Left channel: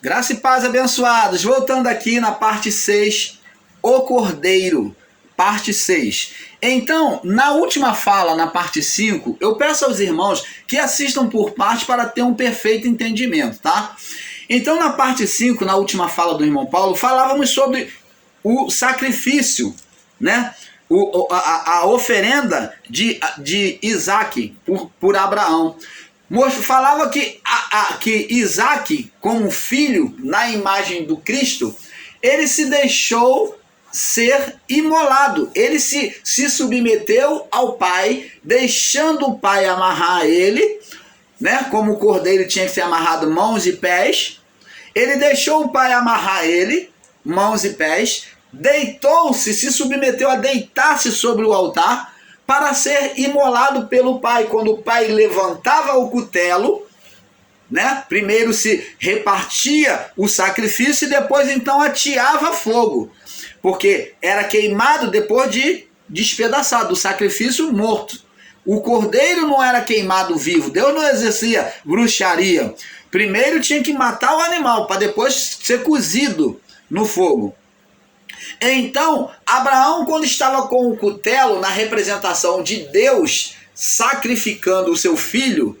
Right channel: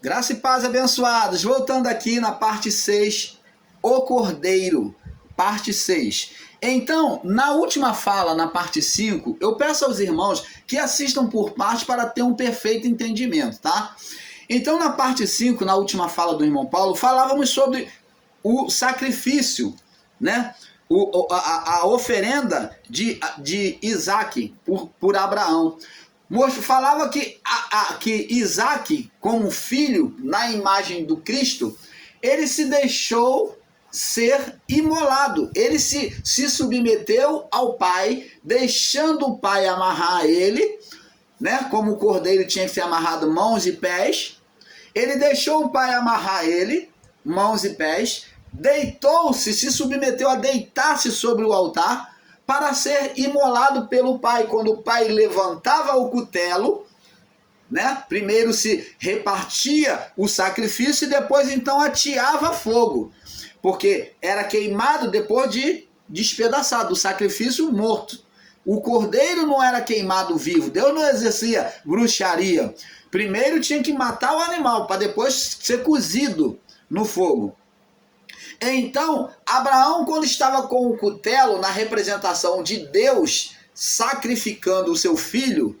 Graça e paz, abençoados. Voltando aqui na parte 6, o Cordeiro, parte 6. Então, na última fala, na parte 5, eu peço aos irmãos que assistam por parte para ter um perfeito entendimento, tá? Então, na parte 5, na última fala do irmão Paulo, falávamos sobre o sacrifício, né? A oferenda de Isaac por Abraão. Falava que Isaac, como filho, na imagem do Cristo, ele se deixou ser imolado. Ele se submeteu ao pai, deixando o pai amarrar ele, né? Como o cordeiro tinha que ser amarrado mãos e pés. Ele deixou o pai amarrar ele, mãos e pés, deitou-se, se submeteu a deitar-se sobre o altar, para ser imolado pelo pai. Quando o pai levantava o cutelo, né? Primeiro se repartia o sacrifício e depois então ateava fogo, porque era queimado depois de despedaçado, o sacrifício morto. O cordeiro não era queimado vivo, Deus não exercia bruxaria. Primeiro tinha que matar o animal para depois ser cozido no fogo. Então, Abraão, quando estava com o cutelo na representação de Deus sacrificando o seu filho,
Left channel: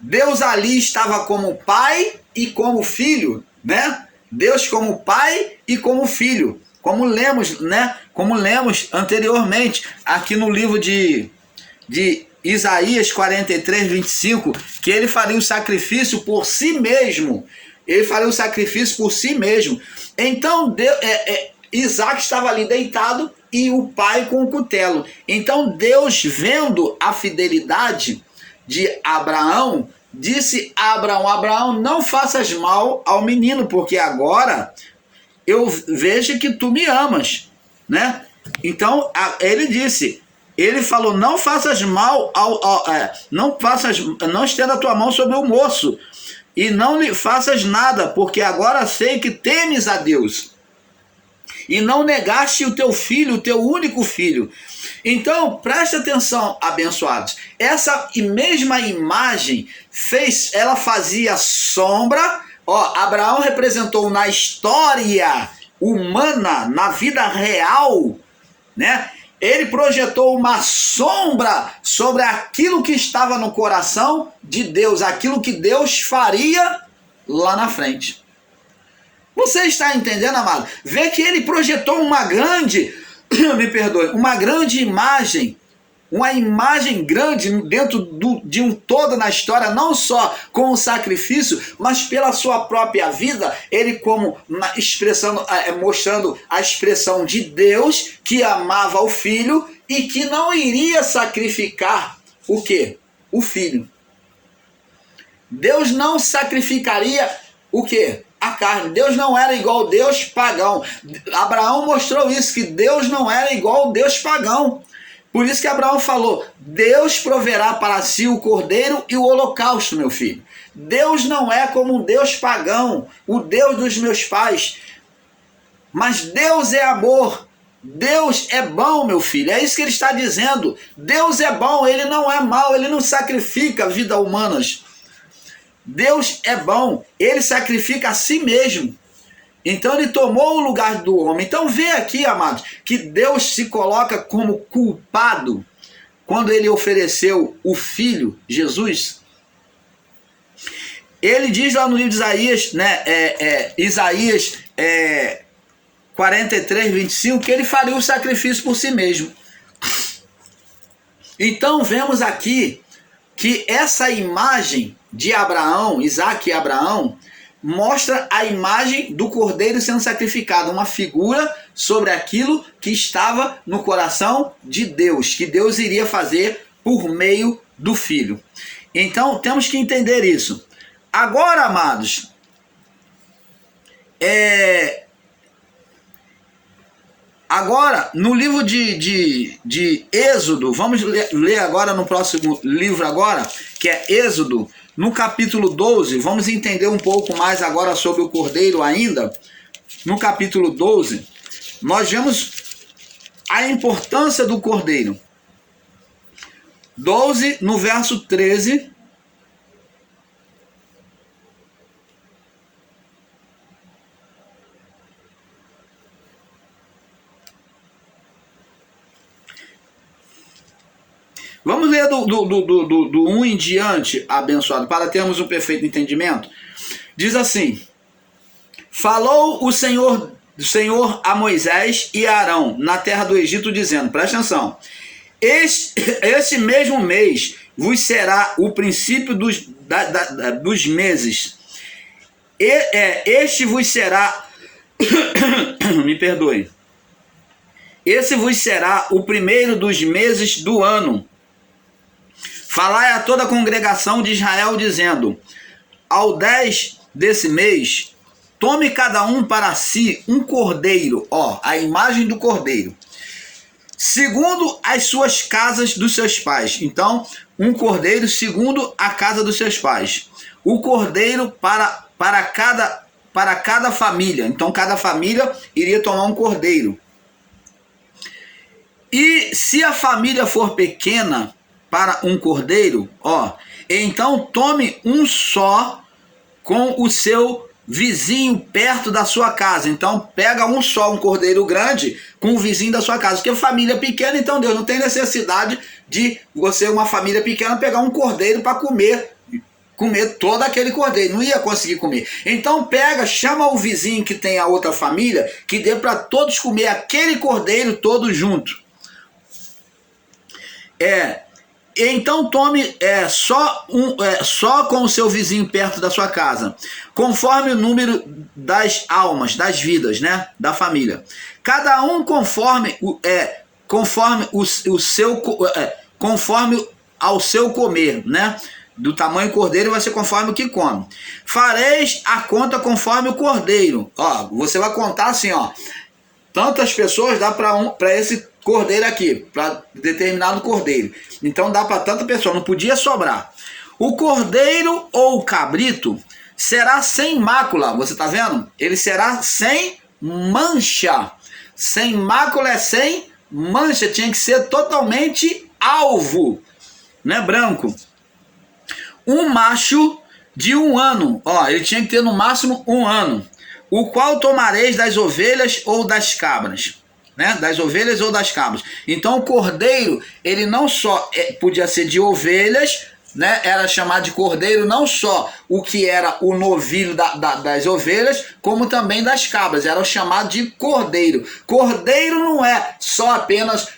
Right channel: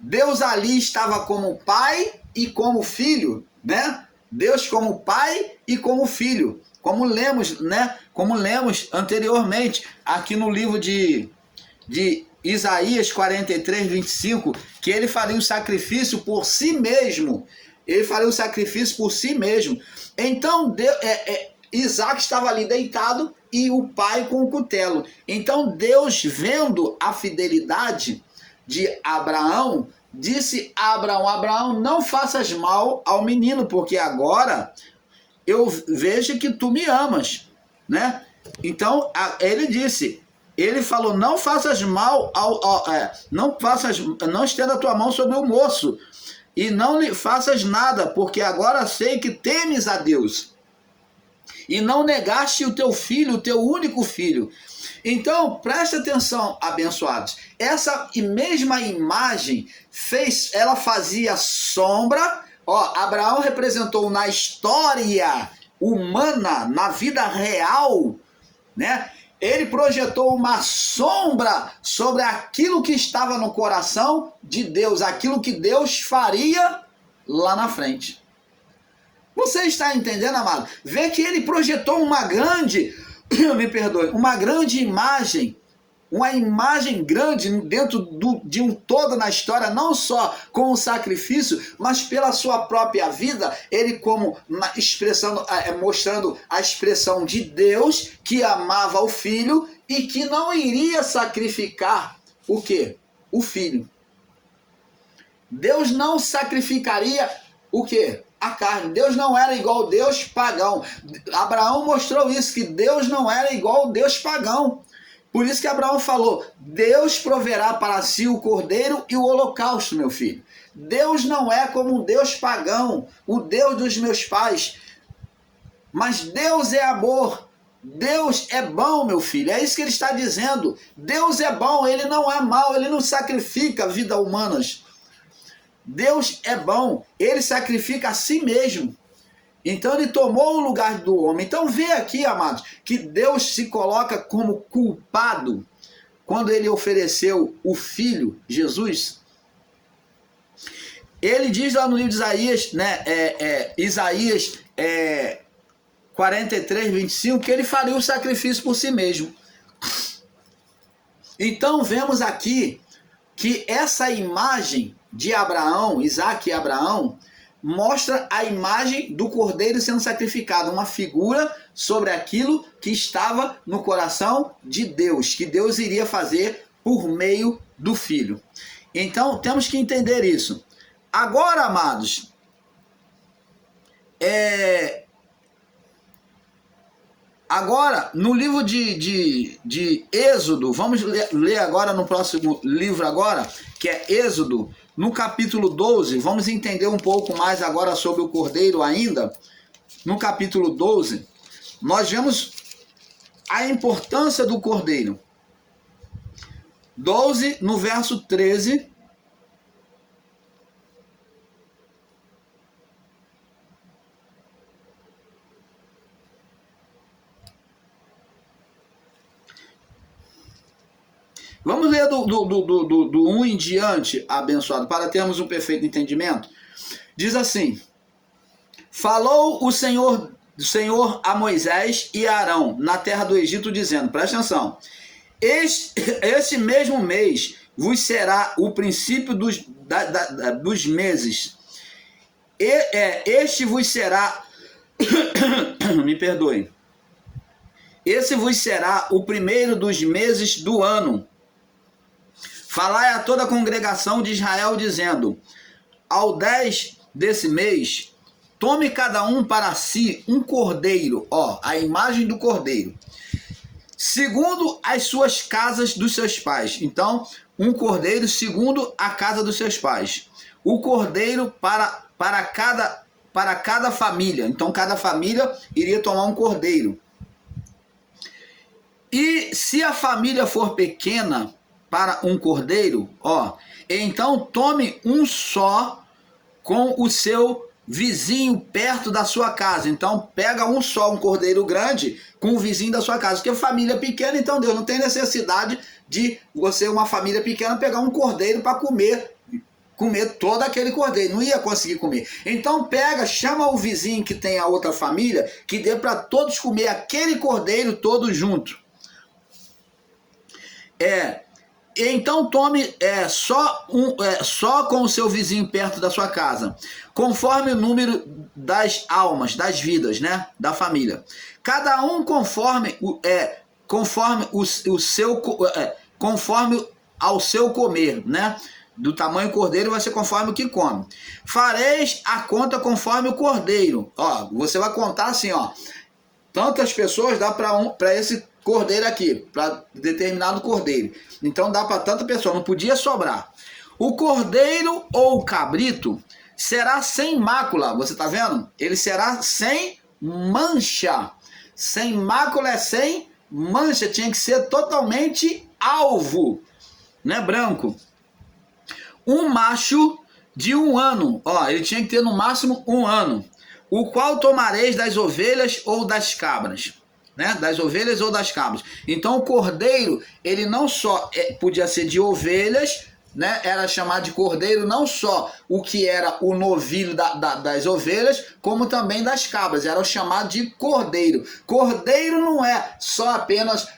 Deus ali estava como pai e como filho, né? Deus como pai e como filho, como lemos, né? Como lemos anteriormente aqui no livro de Isaías 43, 25, que ele faria o sacrifício por si mesmo. Ele faria o sacrifício por si mesmo. Então, Isaac estava ali deitado e o pai com o cutelo. Então Deus, vendo a fidelidade de Abraão, disse a Abraão: Abraão, não faças mal ao menino, porque agora eu vejo que tu me amas, né? Então ele disse, ele falou: não faças mal não estenda a tua mão sobre o moço e não lhe faças nada, porque agora sei que temes a Deus e não negaste o teu filho, o teu único filho. Então, preste atenção, abençoados. Essa mesma imagem ela fazia sombra. Abraão representou na história humana, na vida real, né? Ele projetou uma sombra sobre aquilo que estava no coração de Deus, aquilo que Deus faria lá na frente. Você está entendendo, amado? Vê que ele projetou uma grande, uma grande imagem, uma imagem grande dentro de um todo na história, não só com o sacrifício, mas pela sua própria vida, ele como mostrando a expressão de Deus que amava o filho e que não iria sacrificar o quê? O filho. Deus não sacrificaria o quê? A carne. Deus não era igual Deus pagão. Abraão mostrou isso, que Deus não era igual Deus pagão. Por isso que Abraão falou: Deus proverá para si o cordeiro e o holocausto, meu filho. Deus não é como um Deus pagão, o Deus dos meus pais. Mas Deus é amor. Deus é bom, meu filho. É isso que ele está dizendo. Deus é bom, ele não é mau, ele não sacrifica vidas humanas. Deus é bom, ele sacrifica a si mesmo. Então ele tomou o lugar do homem. Então vê aqui, amados, que Deus se coloca como culpado quando ele ofereceu o filho, Jesus. Ele diz lá no livro de Isaías, né, Isaías 43, 25, que ele faria o sacrifício por si mesmo. Então vemos aqui que essa imagem de Abraão, Isaac e Abraão, mostra a imagem do cordeiro sendo sacrificado, uma figura sobre aquilo que estava no coração de Deus, que Deus iria fazer por meio do filho. Então temos que entender isso. Agora, amados, agora, no livro de Êxodo, vamos ler agora no próximo livro agora, que é Êxodo, no capítulo 12, vamos entender um pouco mais agora sobre o cordeiro ainda. No capítulo 12, nós vemos a importância do cordeiro. 12, no verso 13. Vamos ler do 1 em diante, abençoado, para termos um perfeito entendimento. Diz assim: falou o Senhor a Moisés e a Arão na terra do Egito, dizendo, presta atenção, este mesmo mês vos será o princípio dos meses. Este vos será, me perdoe, esse vos será o primeiro dos meses do ano. Falai a toda a congregação de Israel, dizendo, ao 10 desse mês, tome cada um para si um cordeiro, a imagem do cordeiro, segundo as suas casas dos seus pais. Então, um cordeiro segundo a casa dos seus pais. O cordeiro para cada família. Então, cada família iria tomar um cordeiro. E se a família for pequena para um cordeiro, então tome um só com o seu vizinho perto da sua casa. Então pega um só, um cordeiro grande com o vizinho da sua casa, porque família pequena, então Deus não tem necessidade de você, uma família pequena, pegar um cordeiro para comer todo aquele cordeiro, não ia conseguir comer. Então chama o vizinho que tem a outra família, que dê para todos comer aquele cordeiro todo junto. Então tome só com o seu vizinho perto da sua casa, conforme o número das almas, das vidas, né, da família. Cada um conforme ao seu comer, né? Do tamanho do cordeiro vai ser conforme o que come. Fareis a conta conforme o cordeiro. Você vai contar assim, tantas pessoas dá para esse cordeiro aqui, para determinado cordeiro. Então dá para tanta pessoa, não podia sobrar. O cordeiro ou o cabrito será sem mácula, você está vendo? Ele será sem mancha. Sem mácula é sem mancha, tinha que ser totalmente alvo, não é branco. Um macho de 1 ano, ele tinha que ter no máximo 1 ano, o qual tomareis das ovelhas ou das cabras. Né, das ovelhas ou das cabras. Então o cordeiro, ele não só podia ser de ovelhas, né, era chamado de cordeiro não só o que era o novilho das ovelhas, como também das cabras, era chamado de cordeiro. Cordeiro não é só apenas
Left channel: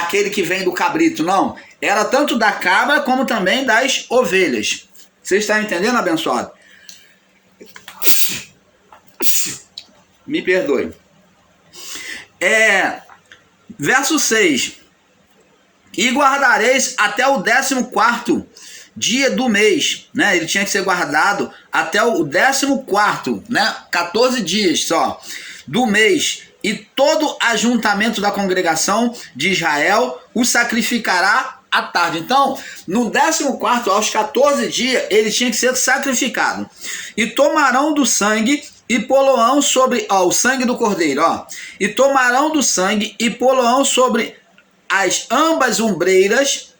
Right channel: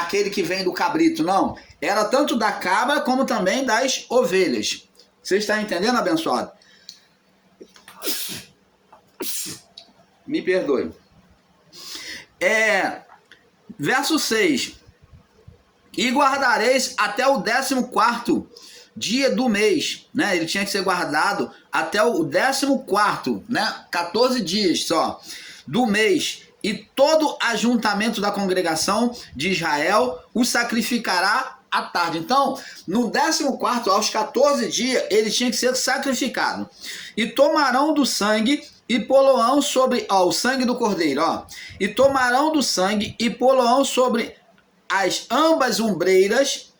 aquele que vem do cabrito, não. Era tanto da cabra como também das ovelhas. Você está entendendo, abençoado? Me perdoe. Verso 6. E guardareis até o 14º dia do mês, né? Ele tinha que ser guardado até o 14º, né? 14 dias só do mês. E todo ajuntamento da congregação de Israel o sacrificará à tarde. Então, no 14º, aos 14 dias, ele tinha que ser sacrificado. E tomarão do sangue e poloão sobre, o sangue do cordeiro, e tomarão do sangue e poloão sobre ambas ombreiras,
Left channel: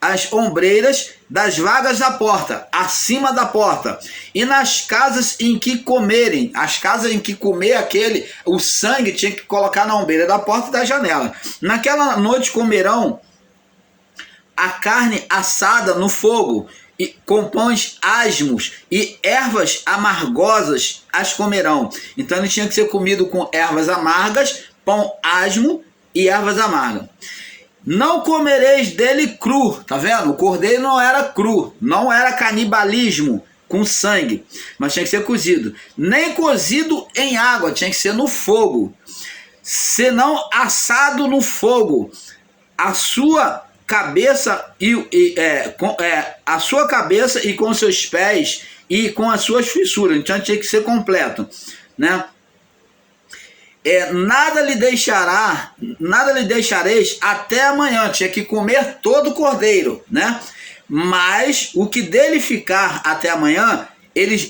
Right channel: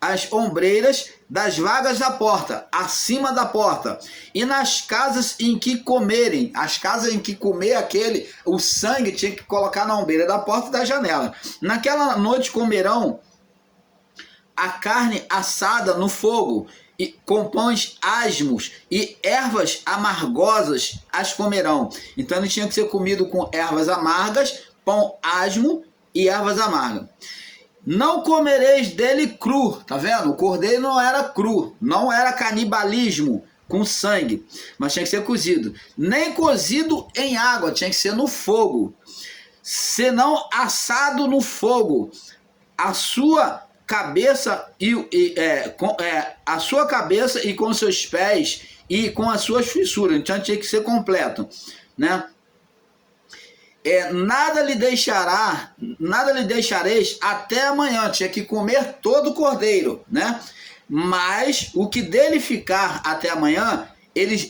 as ombreiras das vagas da porta, acima da porta, e nas casas em que comerem, as casas em que comer o sangue tinha que colocar na ombreira da porta e da janela. Naquela noite comerão a carne assada no fogo, e com pães asmos e ervas amargosas as comerão. Então ele tinha que ser comido com ervas amargas, pão asmo e ervas amargas. Não comereis dele cru, tá vendo? O cordeiro não era cru, não era canibalismo com sangue, mas tinha que ser cozido. Nem cozido em água, tinha que ser no fogo. Senão assado no fogo. A sua cabeça a sua cabeça e com seus pés e com as suas fissuras. Então tinha que ser completo, né? Nada lhe deixareis até amanhã. Tinha que comer todo o cordeiro, né? Mas o que dele ficar até amanhã,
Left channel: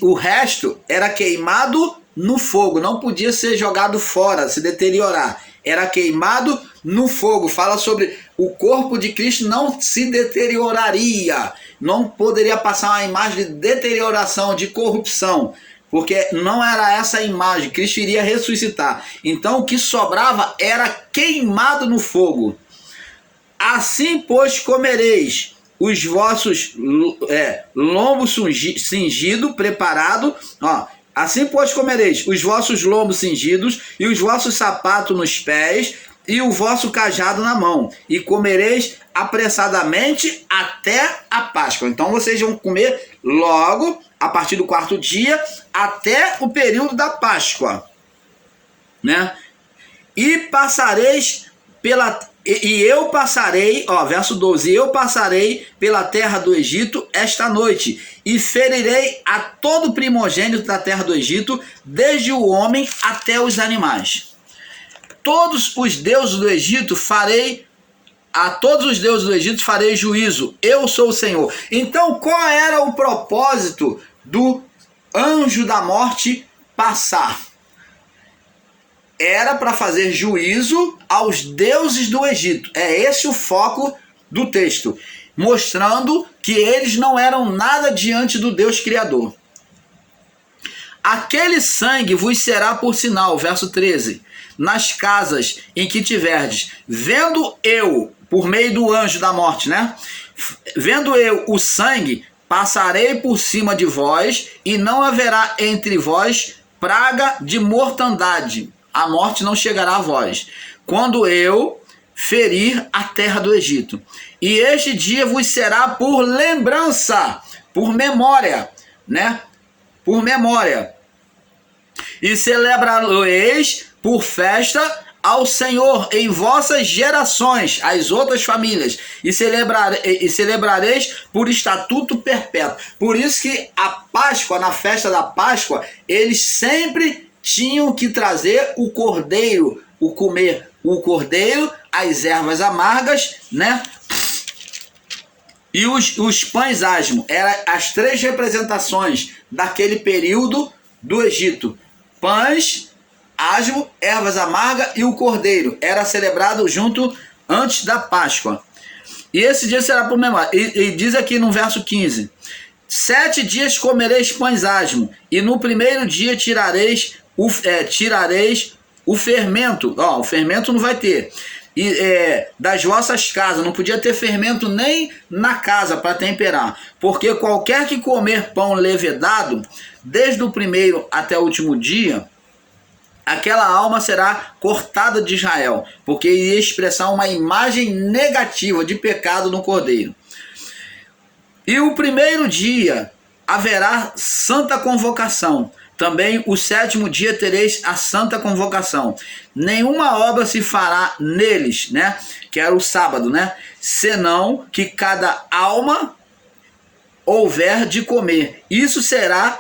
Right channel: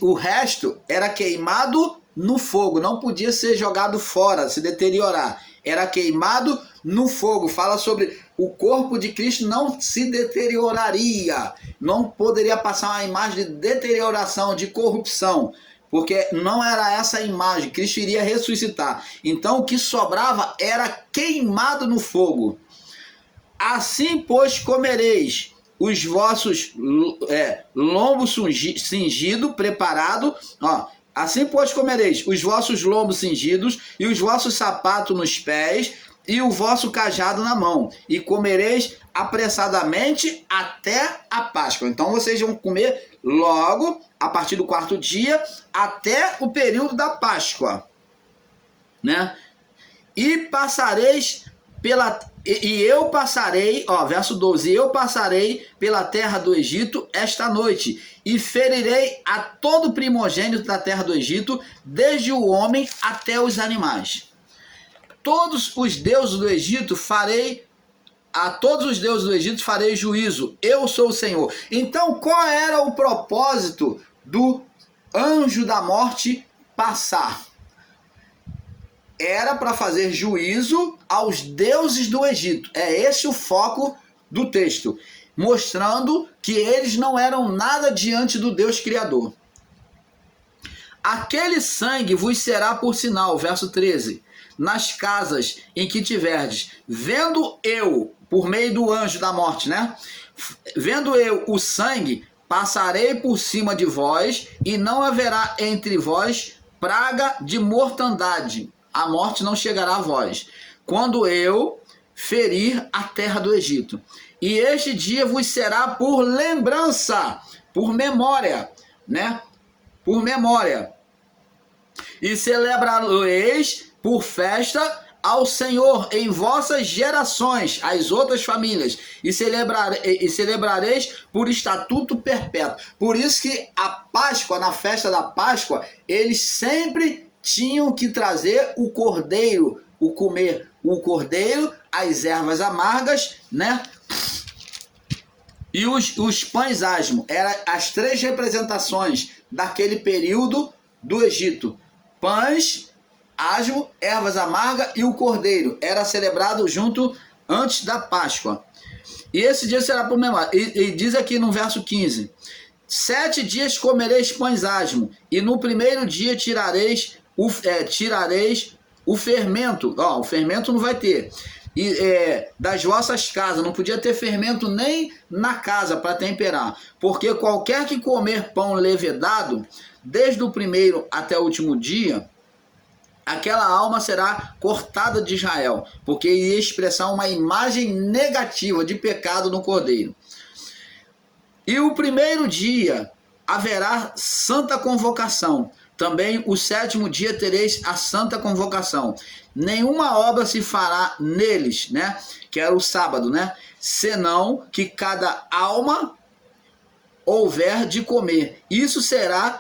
o resto era queimado no fogo, não podia ser jogado fora, se deteriorar. Era queimado no fogo. Fala sobre o corpo de Cristo não se deterioraria. Não poderia passar uma imagem de deterioração, de corrupção. Porque não era essa a imagem. Cristo iria ressuscitar. Então o que sobrava era queimado no fogo. Assim, pois, comereis os vossos lombos cingidos, preparado, ó. Assim, pois, comereis os vossos lombos cingidos e os vossos sapatos nos pés e o vosso cajado na mão, e comereis apressadamente até a Páscoa. Então, vocês vão comer logo, a partir do 4º dia, até o período da Páscoa, né? E passareis pela... E eu passarei, ó, verso 12, eu passarei pela terra do Egito esta noite, e ferirei a todo primogênito da terra do Egito, desde o homem até os animais. Todos os deuses do Egito farei, a todos os deuses do Egito farei juízo, eu sou o Senhor. Então, qual era o propósito do anjo da morte passar? Era para fazer juízo aos deuses do Egito. É esse o foco do texto, mostrando que eles não eram nada diante do Deus Criador. Aquele sangue vos será por sinal, verso 13, nas casas em que tiverdes, vendo eu, por meio do anjo da morte, né? Vendo eu o sangue, passarei por cima de vós, e não haverá entre vós praga de mortandade. A morte não chegará a vós, quando eu ferir a terra do Egito. E este dia vos será por lembrança, por memória, né? Por memória. E celebrareis por festa ao Senhor em vossas gerações, as outras famílias, e celebrareis por estatuto perpétuo. Por isso que a Páscoa, na festa da Páscoa, eles sempre tinham que trazer o cordeiro, comer o cordeiro, as ervas amargas, né? E os pães asmos. Eram as 3 representações daquele período do Egito. Pães, asmo, ervas amargas e o cordeiro. Era celebrado junto antes da Páscoa. E esse dia será por memória. E diz aqui no verso 15: 7 dias comereis pães asmos, e no primeiro dia tirareis o fermento. Ó, o fermento não vai ter. Das vossas casas, não podia ter fermento nem na casa para temperar, porque qualquer que comer pão levedado, desde o primeiro até o último dia, aquela alma será cortada de Israel, porque iria expressar uma imagem negativa de pecado no cordeiro. E o primeiro dia haverá santa convocação. Também o 7º dia tereis a santa convocação. Nenhuma obra se fará neles, né? Que era o sábado, né? Senão que cada alma houver de comer. Isso será,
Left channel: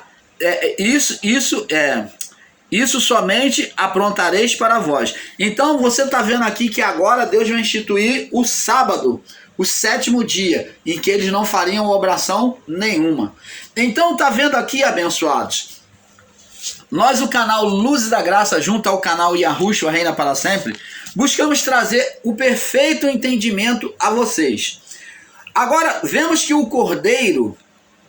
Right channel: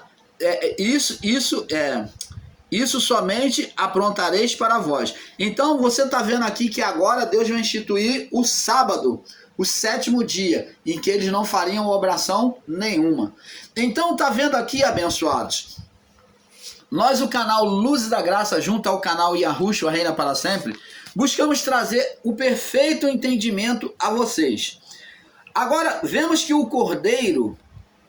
isso somente aprontareis para vós. Então você está vendo aqui que agora Deus vai instituir o sábado, o 7º dia, em que eles não fariam obração nenhuma. Então está vendo aqui, abençoados? Nós, o canal Luzes da Graça, junto ao canal Yahushua Reina para Sempre, buscamos trazer o perfeito entendimento a vocês. Agora, vemos que o cordeiro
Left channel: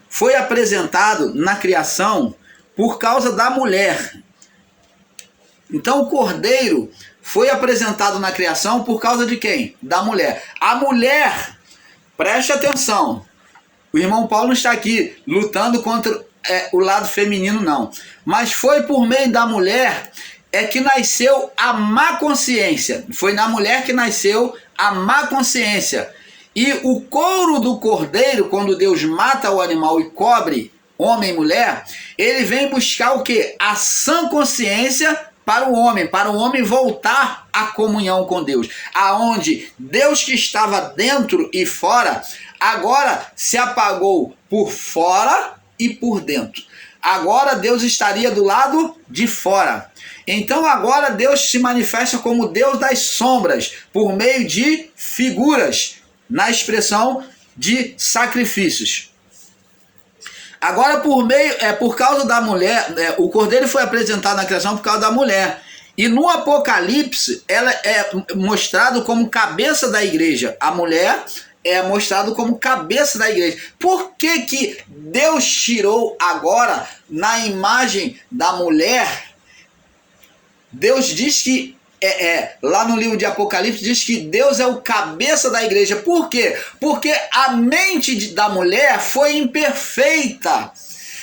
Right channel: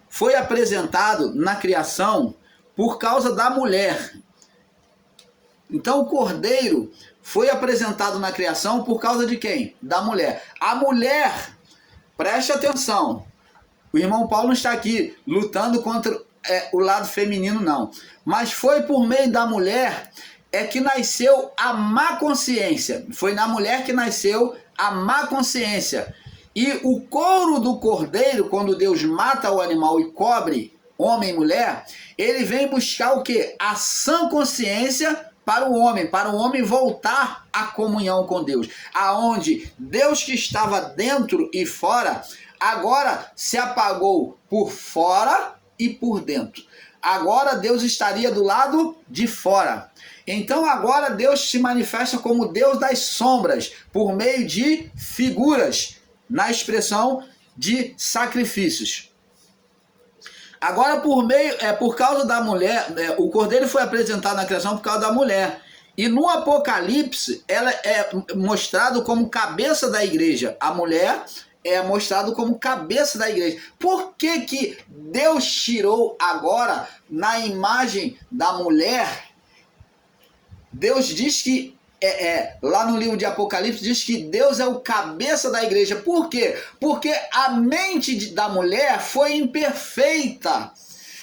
foi apresentado na criação por causa da mulher. Então, o cordeiro foi apresentado na criação por causa de quem? Da mulher. A mulher, preste atenção, o irmão Paulo não está aqui lutando contra o lado feminino, não. Mas foi por meio da mulher que nasceu a má consciência. Foi na mulher que nasceu a má consciência. E o couro do cordeiro, quando Deus mata o animal e cobre homem e mulher, ele vem buscar o quê? A sã consciência para o homem voltar à comunhão com Deus. Aonde Deus que estava dentro e fora, agora se apagou por fora e por dentro. Agora Deus estaria do lado de fora. Então agora Deus se manifesta como Deus das sombras, por meio de figuras, na expressão de sacrifícios. Agora por causa da mulher, o cordeiro foi apresentado na criação por causa da mulher. E no Apocalipse ela é mostrado como cabeça da igreja. A mulher é mostrado como cabeça da igreja. Por que que Deus tirou agora na imagem da mulher? Deus diz que lá no livro de Apocalipse diz que Deus é o cabeça da igreja. Por quê? Porque a mente da mulher foi imperfeita.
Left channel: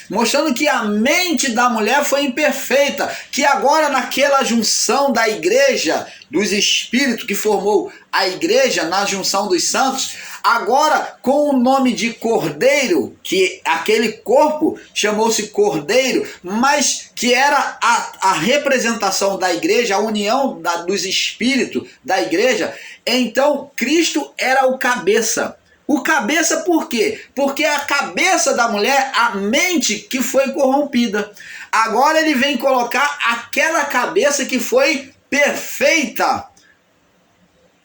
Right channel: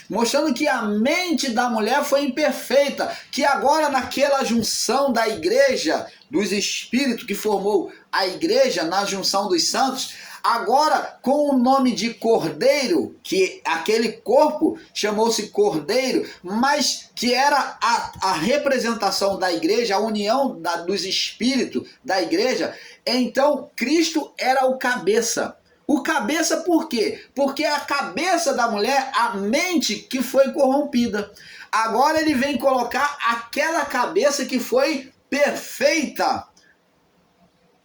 Mostrando que a mente da mulher foi imperfeita, que agora naquela junção da igreja, dos espíritos que formou a igreja, na junção dos santos, agora com o nome de Cordeiro, que aquele corpo chamou-se Cordeiro, mas que era a representação da igreja, a união dos espíritos da igreja, então Cristo era o cabeça. O cabeça por quê? Porque a cabeça da mulher, a mente que foi corrompida. Agora ele vem colocar aquela cabeça que foi perfeita,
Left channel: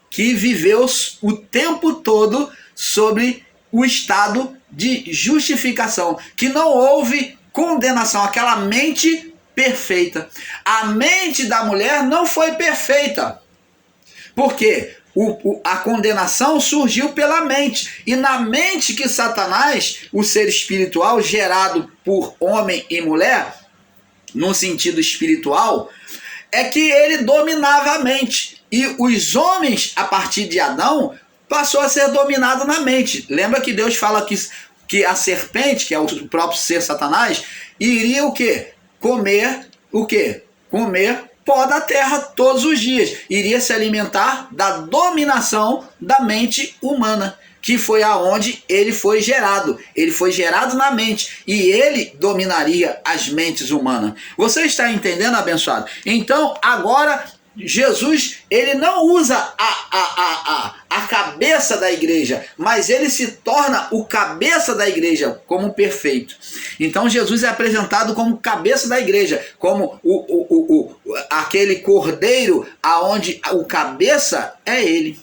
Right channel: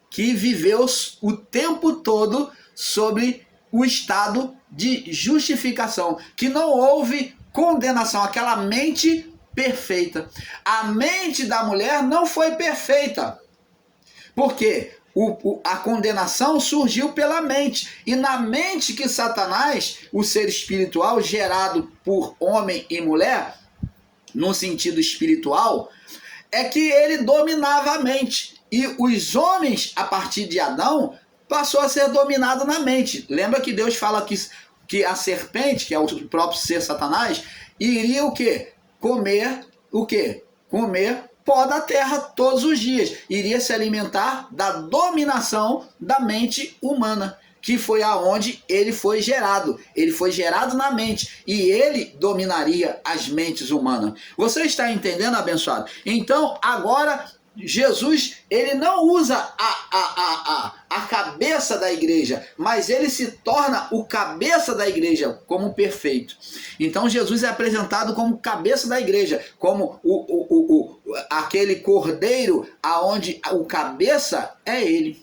que viveu o tempo todo sobre o estado de justificação, que não houve condenação, aquela mente perfeita. A mente da mulher não foi perfeita. Por quê? A condenação surgiu pela mente, e na mente que Satanás, o ser espiritual gerado por homem e mulher, no sentido espiritual, é que ele dominava a mente, e os homens, a partir de Adão, passou a ser dominado na mente. Lembra que Deus fala que a serpente, que é o próprio ser Satanás, iria o quê? Comer o quê? Comer pó da terra todos os dias, iria se alimentar da dominação da mente humana, que foi aonde ele foi gerado. Ele foi gerado na mente e ele dominaria as mentes humanas. Você está entendendo, abençoado? Então, agora, Jesus, ele não usa a cabeça da igreja, mas ele se torna o cabeça da igreja como perfeito. Então Jesus é apresentado como cabeça da igreja, como aquele cordeiro aonde o cabeça é ele.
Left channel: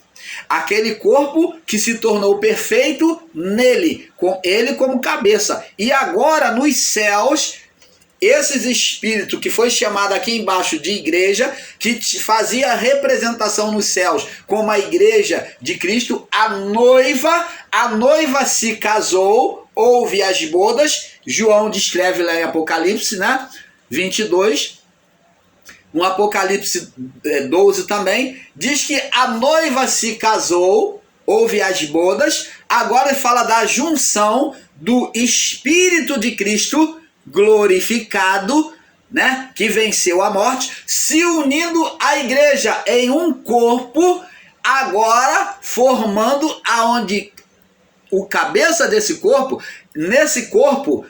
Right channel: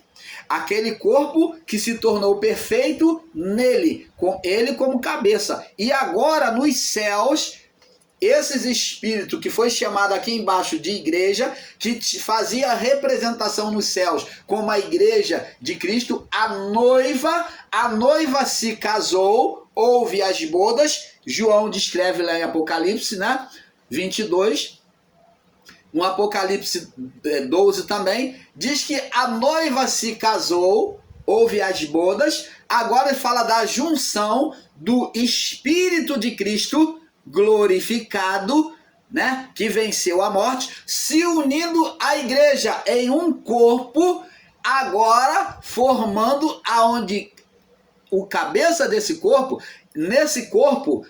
Aquele corpo que se tornou perfeito nele, com ele como cabeça. E agora nos céus, esses espíritos que foi chamado aqui embaixo de igreja, que fazia a representação nos céus como a igreja de Cristo, a noiva se casou, houve as bodas. João descreve lá em Apocalipse, né? 22, no Apocalipse 12 também, diz que a noiva se casou, houve as bodas. Agora ele fala da junção do Espírito de Cristo glorificado, né, que venceu a morte, se unindo à igreja em um corpo, agora formando aonde o cabeça desse corpo, nesse corpo,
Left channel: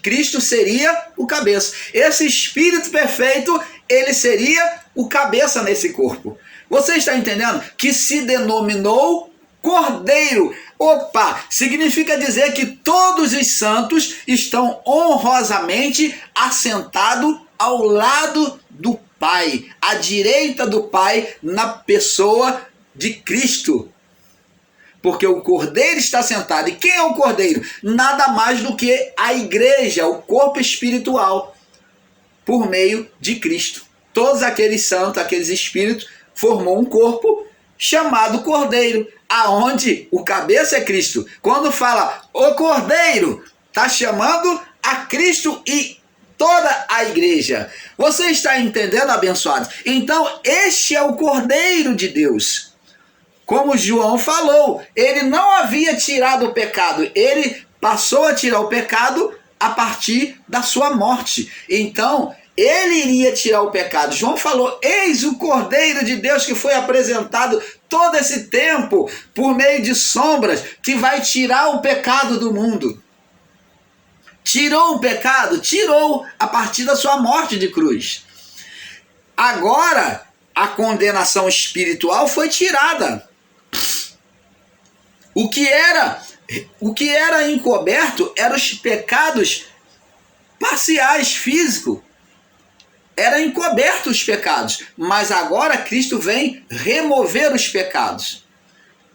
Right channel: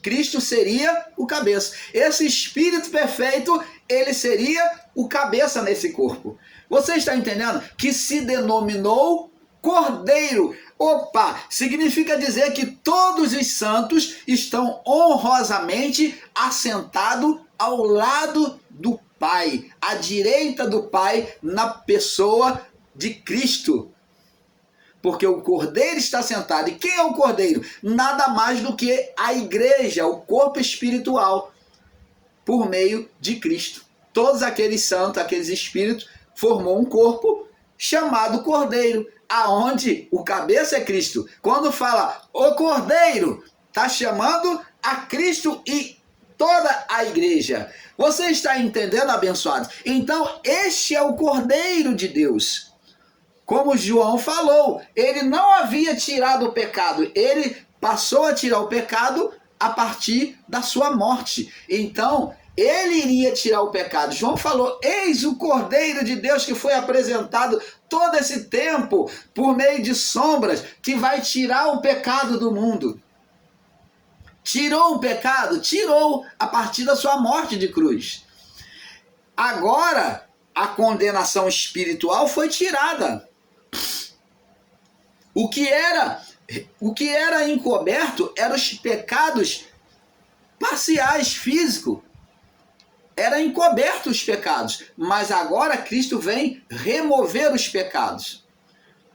Cristo seria o cabeça. Esse Espírito perfeito, ele seria o cabeça nesse corpo. Você está entendendo? Que se denominou Cordeiro. Opa, significa dizer que todos os santos estão honrosamente assentados ao lado do Pai, à direita do Pai, na pessoa de Cristo. Porque o Cordeiro está sentado. E quem é o Cordeiro? Nada mais do que a igreja, o corpo espiritual, por meio de Cristo. Todos aqueles santos, aqueles espíritos, formou um corpo chamado Cordeiro, aonde o cabeça é Cristo. Quando fala o Cordeiro, está chamando a Cristo e toda a igreja. Você está entendendo, abençoado? Então, este é o Cordeiro de Deus. Como João falou, ele não havia tirado o pecado, ele passou a tirar o pecado a partir da sua morte. Então, ele iria tirar o pecado. João falou, eis o Cordeiro de Deus que foi apresentado todo esse tempo por meio de sombras, que vai tirar o pecado do mundo. Tirou o pecado? Tirou a partir da sua morte de cruz. Agora, a condenação espiritual foi tirada. O que era encoberto eram os pecados parciais, físicos. Era encoberto os pecados, mas agora Cristo vem remover os pecados.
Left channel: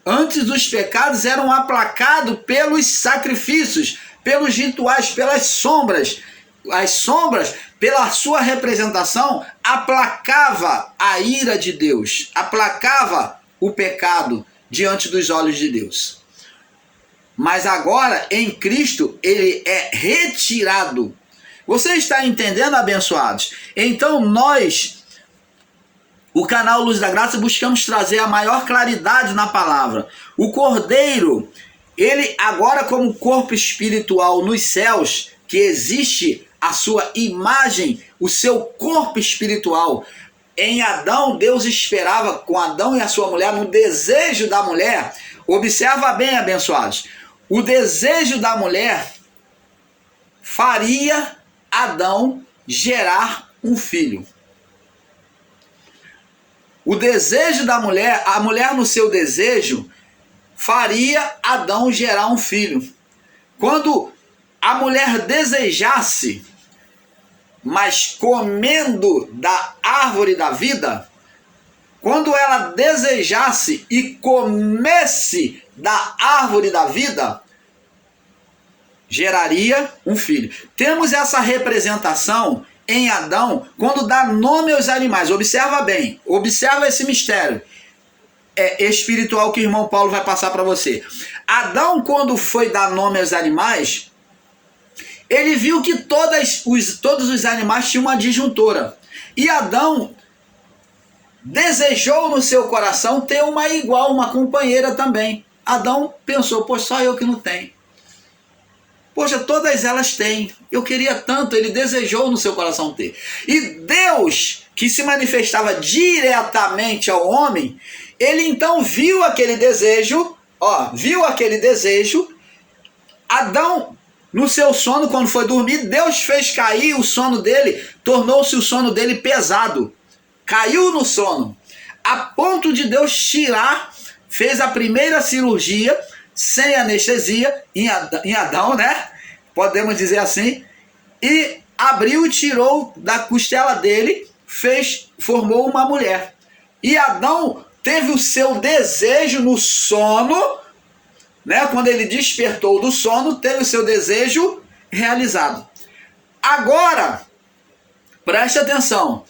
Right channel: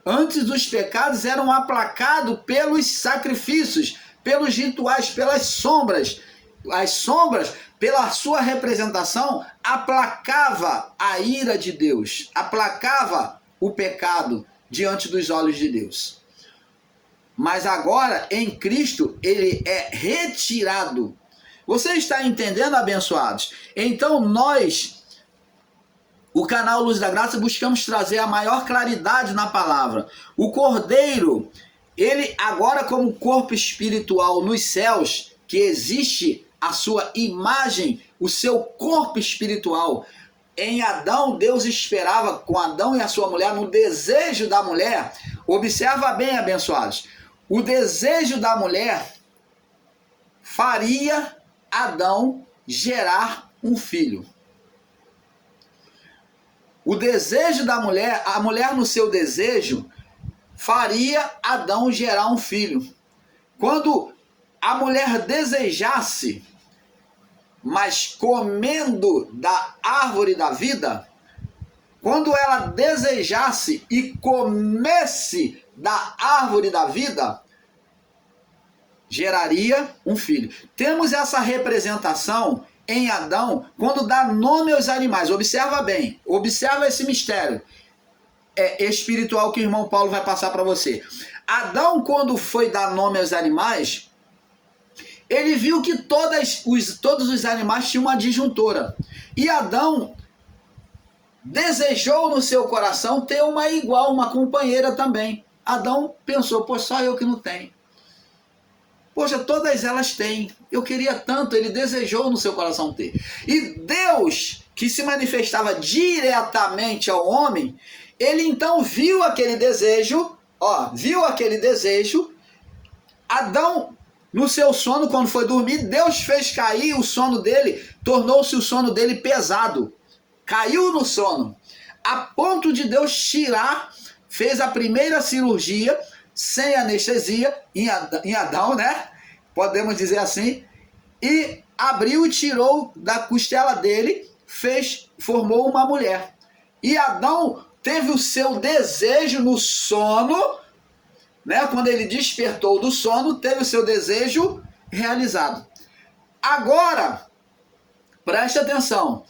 Antes os pecados eram aplacados pelos sacrifícios, pelos rituais, pelas sombras. As sombras, pela sua representação, aplacava a ira de Deus, aplacava o pecado diante dos olhos de Deus. Mas agora, em Cristo, ele é retirado. Você está entendendo, abençoados? Então nós, o canal Luz da Graça, buscamos trazer a maior claridade na palavra. O Cordeiro, ele agora como corpo espiritual nos céus, que existe a sua imagem, o seu corpo espiritual. Em Adão, Deus esperava com Adão e a sua mulher, no desejo da mulher, observa bem, abençoados, o desejo da mulher faria Adão gerar um filho. O desejo da mulher, a mulher no seu desejo, faria Adão gerar um filho. Quando a mulher desejasse, mas comendo da árvore da vida, quando ela desejasse e comesse da árvore da vida, geraria um filho. Temos essa representação em Adão quando dá nome aos animais. Observa bem, observa esse mistério espiritual que o irmão Paulo vai passar para você. Adão, quando foi dar nome aos animais, ele viu que todos os animais tinham uma disjuntora. E Adão desejou no seu coração ter uma igual, uma companheira também. Adão pensou, pô, só eu que não tenho. Poxa, todas elas têm. Eu queria tanto, ele desejou no seu coração ter. E Deus, que se manifestava diretamente ao homem, ele então viu aquele desejo, Adão, no seu sono, quando foi dormir, Deus fez cair o sono dele, tornou-se o sono dele pesado. Caiu no sono, a ponto de Deus tirar, fez a primeira cirurgia, sem anestesia, em Adão, né? Podemos dizer assim, e abriu e tirou da costela dele, formou uma mulher. E Adão teve o seu desejo no sono, né? Quando ele despertou do sono, teve o seu desejo realizado. Agora, preste atenção,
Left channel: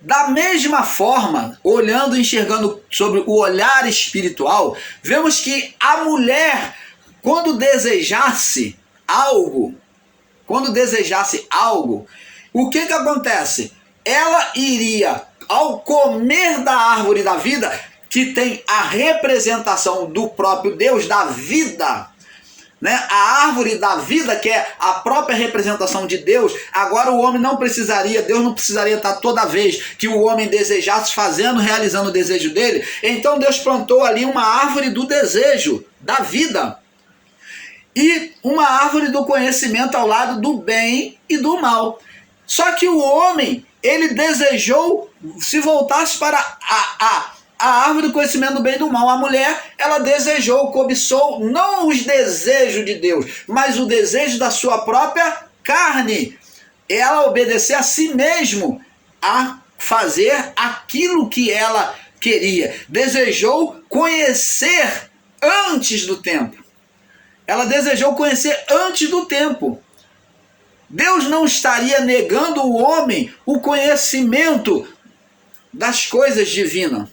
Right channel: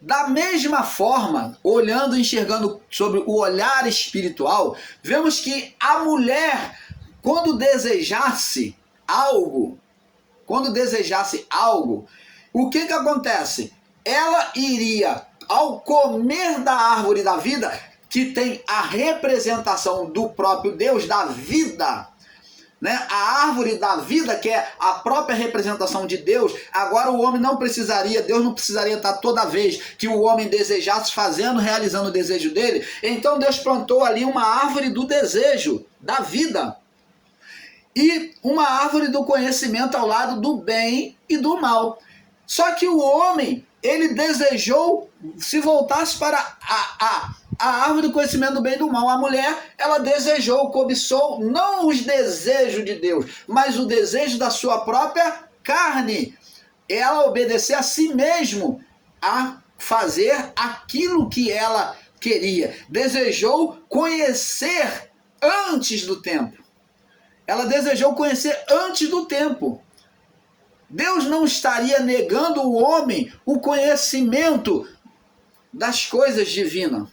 da mesma forma, olhando e enxergando sobre o olhar espiritual, vemos que a mulher, quando desejasse algo, o que acontece? Ela iria, ao comer da árvore da vida, que tem a representação do próprio Deus, da vida, né? A árvore da vida, que é a própria representação de Deus. Agora o homem não precisaria, Deus não precisaria estar toda vez que o homem desejasse realizando o desejo dele. Então Deus plantou ali uma árvore do desejo, da vida. E uma árvore do conhecimento ao lado do bem e do mal. Só que o homem, ele desejou se voltasse para a árvore do conhecimento do bem e do mal. A mulher, ela desejou, cobiçou, não os desejos de Deus, mas o desejo da sua própria carne. Ela obedecer a si mesmo, a fazer aquilo que ela queria. Desejou conhecer antes do tempo. Ela desejou conhecer antes do tempo. Deus não estaria negando ao homem o conhecimento das coisas divinas.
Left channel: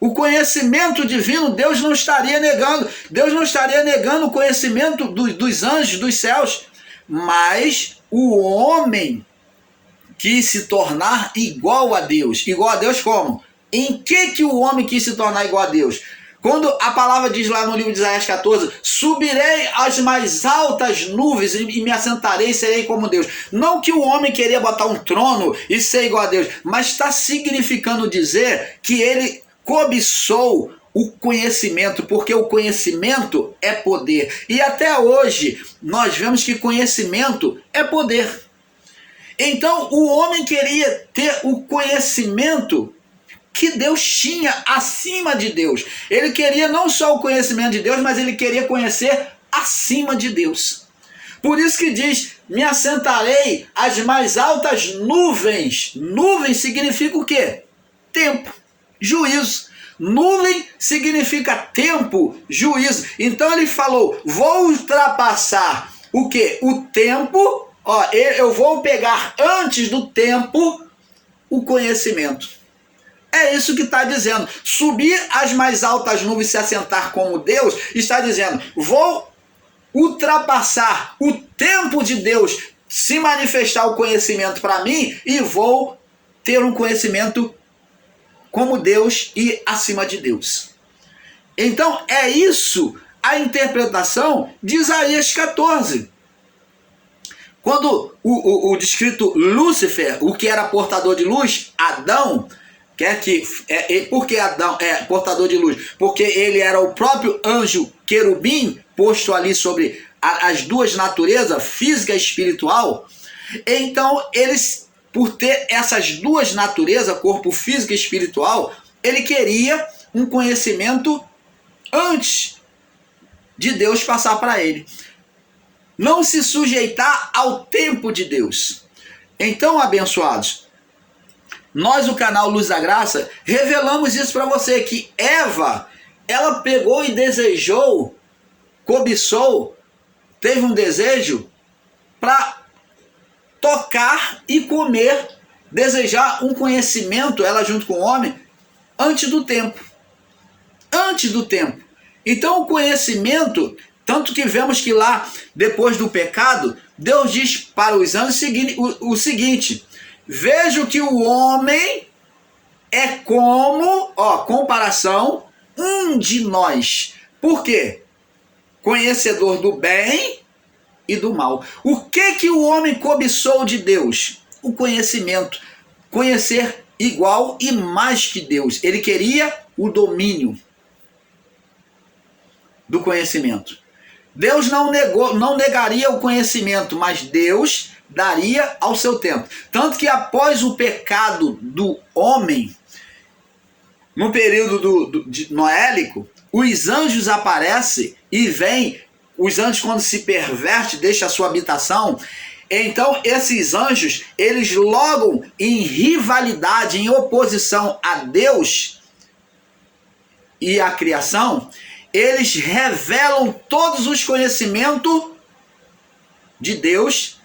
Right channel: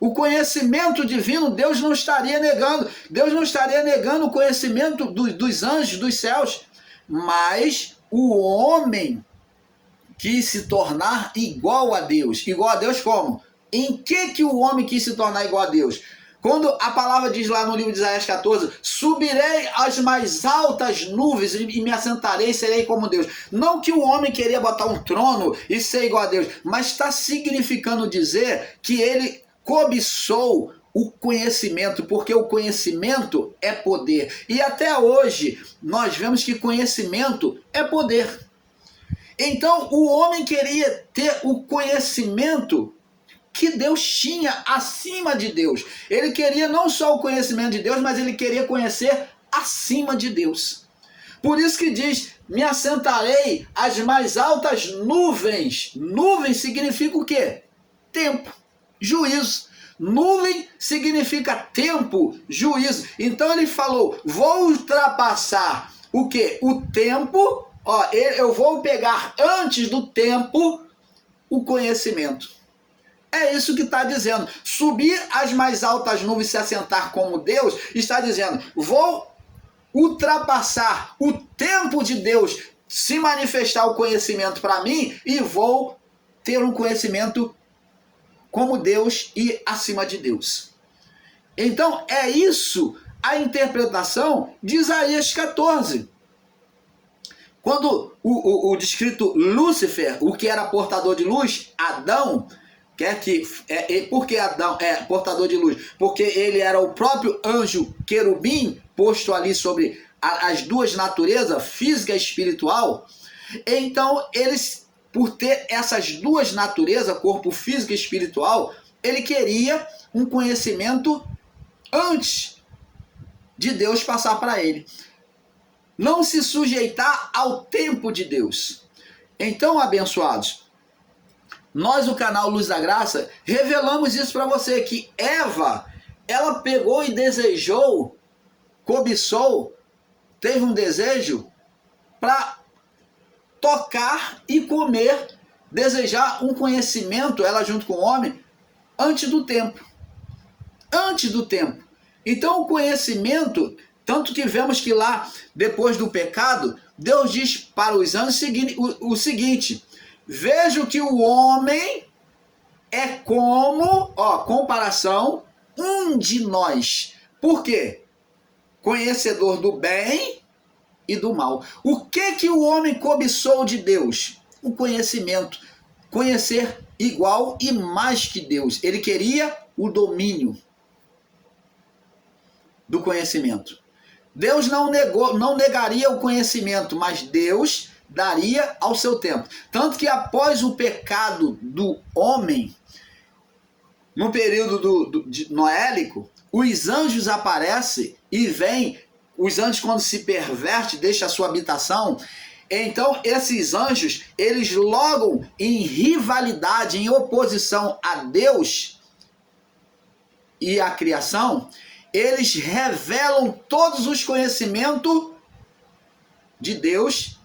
O conhecimento divino Deus não estaria negando. Deus não estaria negando o conhecimento dos anjos, dos céus. Mas o homem quis se tornar igual a Deus. Igual a Deus como? Em que o homem quis se tornar igual a Deus? Quando a palavra diz lá no livro de Isaías 14, subirei às mais altas nuvens e me assentarei e serei como Deus. Não que o homem queria botar um trono e ser igual a Deus, mas está significando dizer que ele cobiçou o conhecimento, porque o conhecimento é poder. E até hoje nós vemos que conhecimento é poder. Então o homem queria ter o conhecimento que Deus tinha acima de Deus. Ele queria não só o conhecimento de Deus, mas ele queria conhecer acima de Deus. Por isso que diz, me assentarei às mais altas nuvens. Nuvem significa o quê? Tempo, juízo. Nuvem significa tempo, juízo. Então ele falou, vou ultrapassar o quê? O tempo, eu vou pegar antes do tempo o conhecimento. É isso que está dizendo. Subir às mais altas nuvens e se assentar como Deus, está dizendo, vou ultrapassar o tempo de Deus, se manifestar o conhecimento para mim, e vou ter um conhecimento como Deus e acima de Deus. Então é isso a interpretação de Isaías 14. Quando o descrito Lúcifer, o que era portador de luz, Adão, por que Adão é portador de luz? Porque ele era o próprio anjo querubim, posto ali sobre as duas naturezas, física e espiritual. Então, eles, por ter essas duas naturezas, corpo físico e espiritual, ele queria um conhecimento antes de Deus passar para ele. Não se sujeitar ao tempo de Deus. Então, abençoados, nós, o canal Luz da Graça, revelamos isso para você, que Eva, ela pegou e desejou, cobiçou, teve um desejo para tocar e comer, desejar um conhecimento, ela junto com o homem, antes do tempo. Antes do tempo. Então, o conhecimento, tanto que vemos que lá, depois do pecado, Deus diz para os anjos o seguinte: vejo que o homem é como, comparação, um de nós. Por quê? Conhecedor do bem e do mal. O que o homem cobiçou de Deus? O conhecimento. Conhecer igual e mais que Deus. Ele queria o domínio do conhecimento. Deus não negaria o conhecimento, mas Deus daria ao seu tempo. Tanto que após o pecado do homem, no período noélico, os anjos aparecem e vêm. Os anjos, quando se perverte, deixam a sua habitação. Então, esses anjos, eles logo em rivalidade, em oposição a Deus e à criação, eles revelam todos os conhecimentos de Deus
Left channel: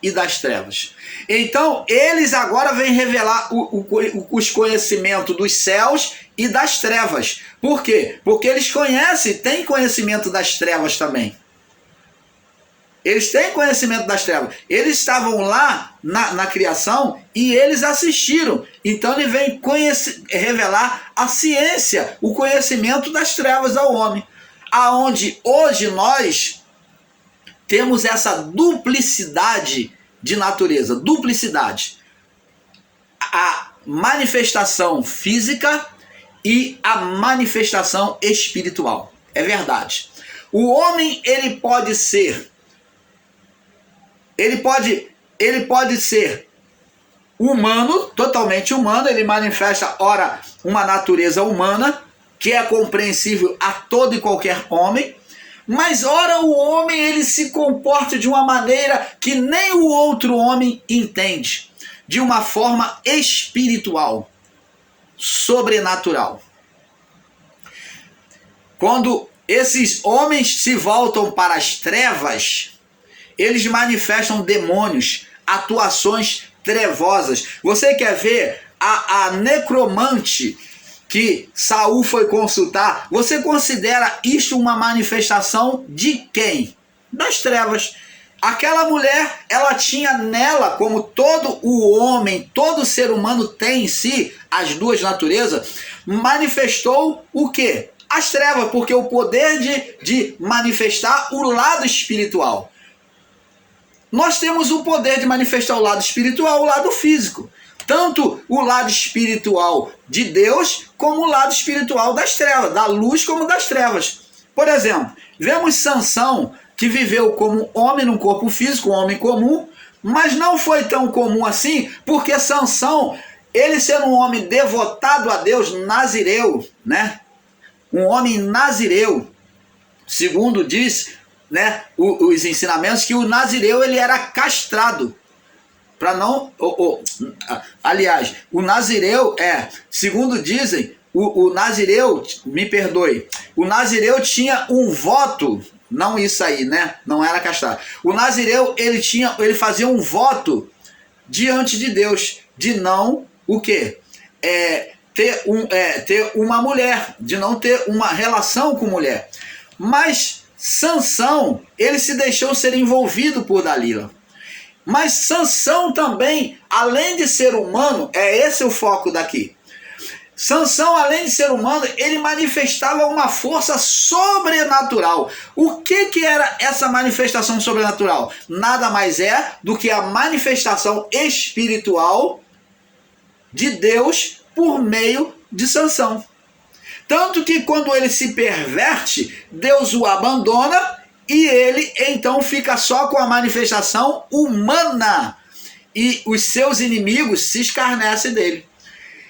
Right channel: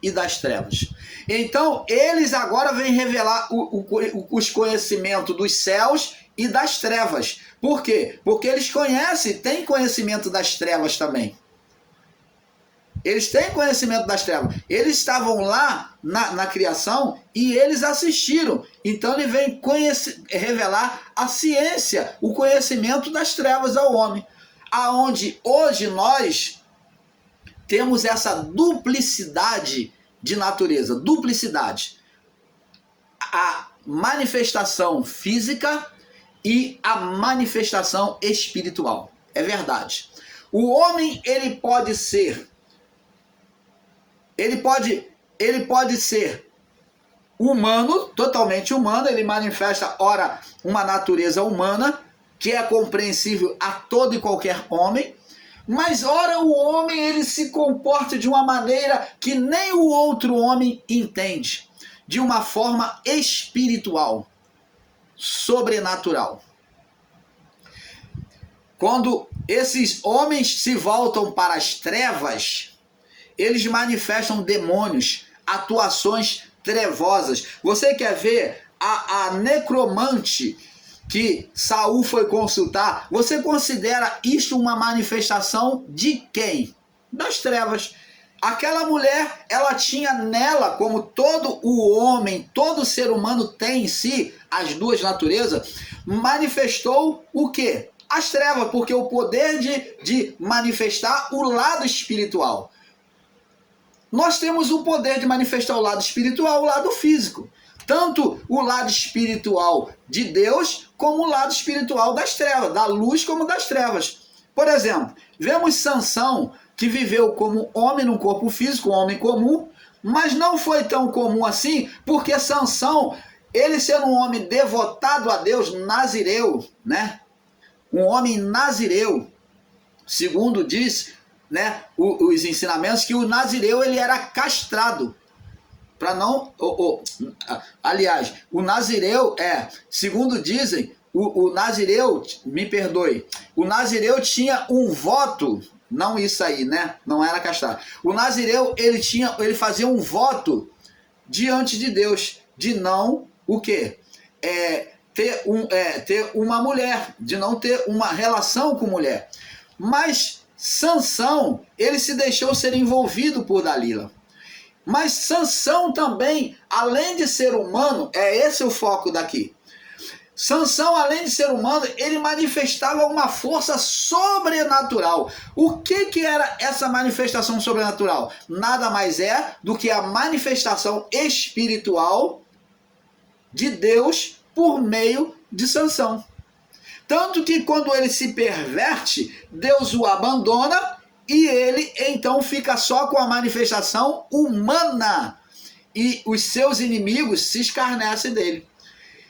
e das trevas. Então, eles agora vêm revelar os conhecimentos dos céus e das trevas. Por quê? Porque eles têm conhecimento das trevas também. Eles têm conhecimento das trevas. Eles estavam lá na criação e eles assistiram. Então ele vem revelar a ciência, o conhecimento das trevas ao homem. Aonde hoje nós temos essa duplicidade de natureza. Duplicidade. A manifestação física e a manifestação espiritual. É verdade. O homem, ele pode ser humano, totalmente humano. Ele manifesta, ora, uma natureza humana, que é compreensível a todo e qualquer homem. Mas, ora, o homem, ele se comporta de uma maneira que nem o outro homem entende. De uma forma espiritual, sobrenatural. Quando esses homens se voltam para as trevas, eles manifestam demônios, atuações trevosas. Você quer ver a necromante que Saul foi consultar? Você considera isto uma manifestação de quem? Das trevas. Aquela mulher, ela tinha nela, como todo o homem, todo ser humano tem em si, as duas naturezas, manifestou o quê? As trevas, porque o poder de manifestar o lado espiritual. Nós temos o poder de manifestar o lado espiritual, o lado físico. Tanto o lado espiritual de Deus, como o lado espiritual das trevas, da luz como das trevas. Por exemplo, vemos Sansão, que viveu como homem num corpo físico, um homem comum, mas não foi tão comum assim, porque Sansão, ele sendo um homem devotado a Deus, nazireu, né? Um homem nazireu, segundo diz, né, os ensinamentos, que o nazireu, ele era castrado para não, aliás, o nazireu segundo dizem, o nazireu, me perdoe, o nazireu tinha um voto, não isso aí, né, não era castrado. O nazireu, ele fazia um voto diante de Deus de não o quê? Ter uma mulher, de não ter uma relação com mulher. Mas Sansão, ele se deixou ser envolvido por Dalila. Mas Sansão também, além de ser humano, esse o foco daqui. Sansão, além de ser humano, ele manifestava uma força sobrenatural. O que era essa manifestação sobrenatural? Nada mais é do que a manifestação espiritual de Deus por meio de Sansão. Tanto que quando ele se perverte, Deus o abandona e ele então fica só com a manifestação humana. E os seus inimigos se escarnecem dele.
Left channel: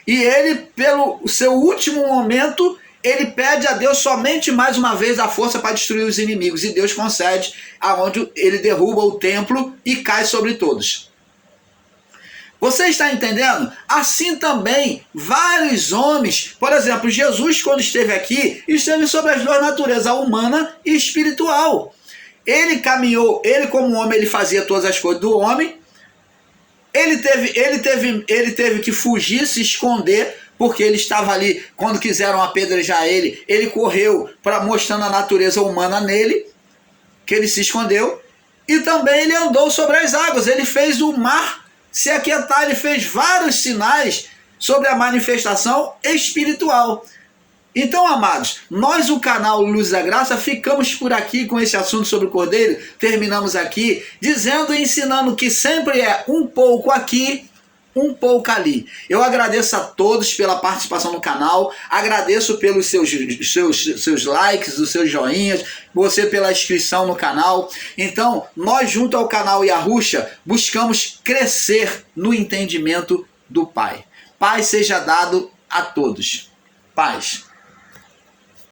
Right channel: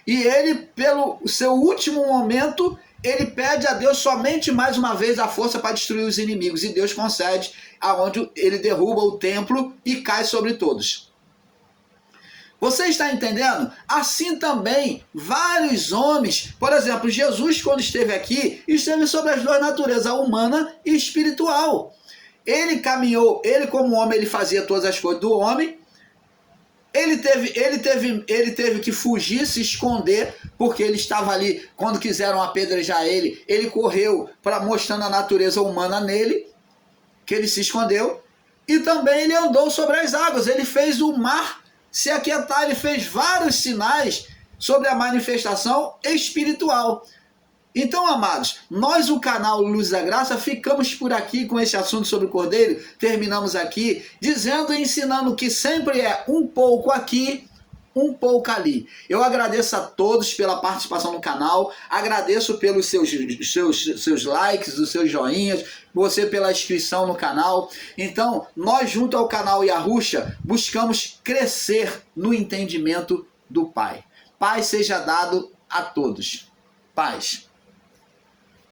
E ele, pelo seu último momento, ele pede a Deus somente mais uma vez a força para destruir os inimigos. E Deus concede, aonde ele derruba o templo e cai sobre todos. Você está entendendo? Assim também, vários homens, por exemplo, Jesus, quando esteve aqui, esteve sobre as duas naturezas, a humana e espiritual. Ele caminhou, ele como homem, ele fazia todas as coisas do homem. Ele teve que fugir, se esconder, porque ele estava ali, quando quiseram apedrejar ele correu mostrando a natureza humana nele, que ele se escondeu. E também ele andou sobre as águas, ele fez o mar se aquietar, ele fez vários sinais sobre a manifestação espiritual. Então, amados, nós, o canal Luz da Graça, ficamos por aqui com esse assunto sobre o Cordeiro. Terminamos aqui dizendo e ensinando que sempre é um pouco aqui, um pouco ali. Eu agradeço a todos pela participação no canal, agradeço pelos seus likes, os seus joinhas, você pela inscrição no canal. Então, nós, junto ao canal Yahusha, buscamos crescer no entendimento do Pai. Paz seja dado a todos. Paz.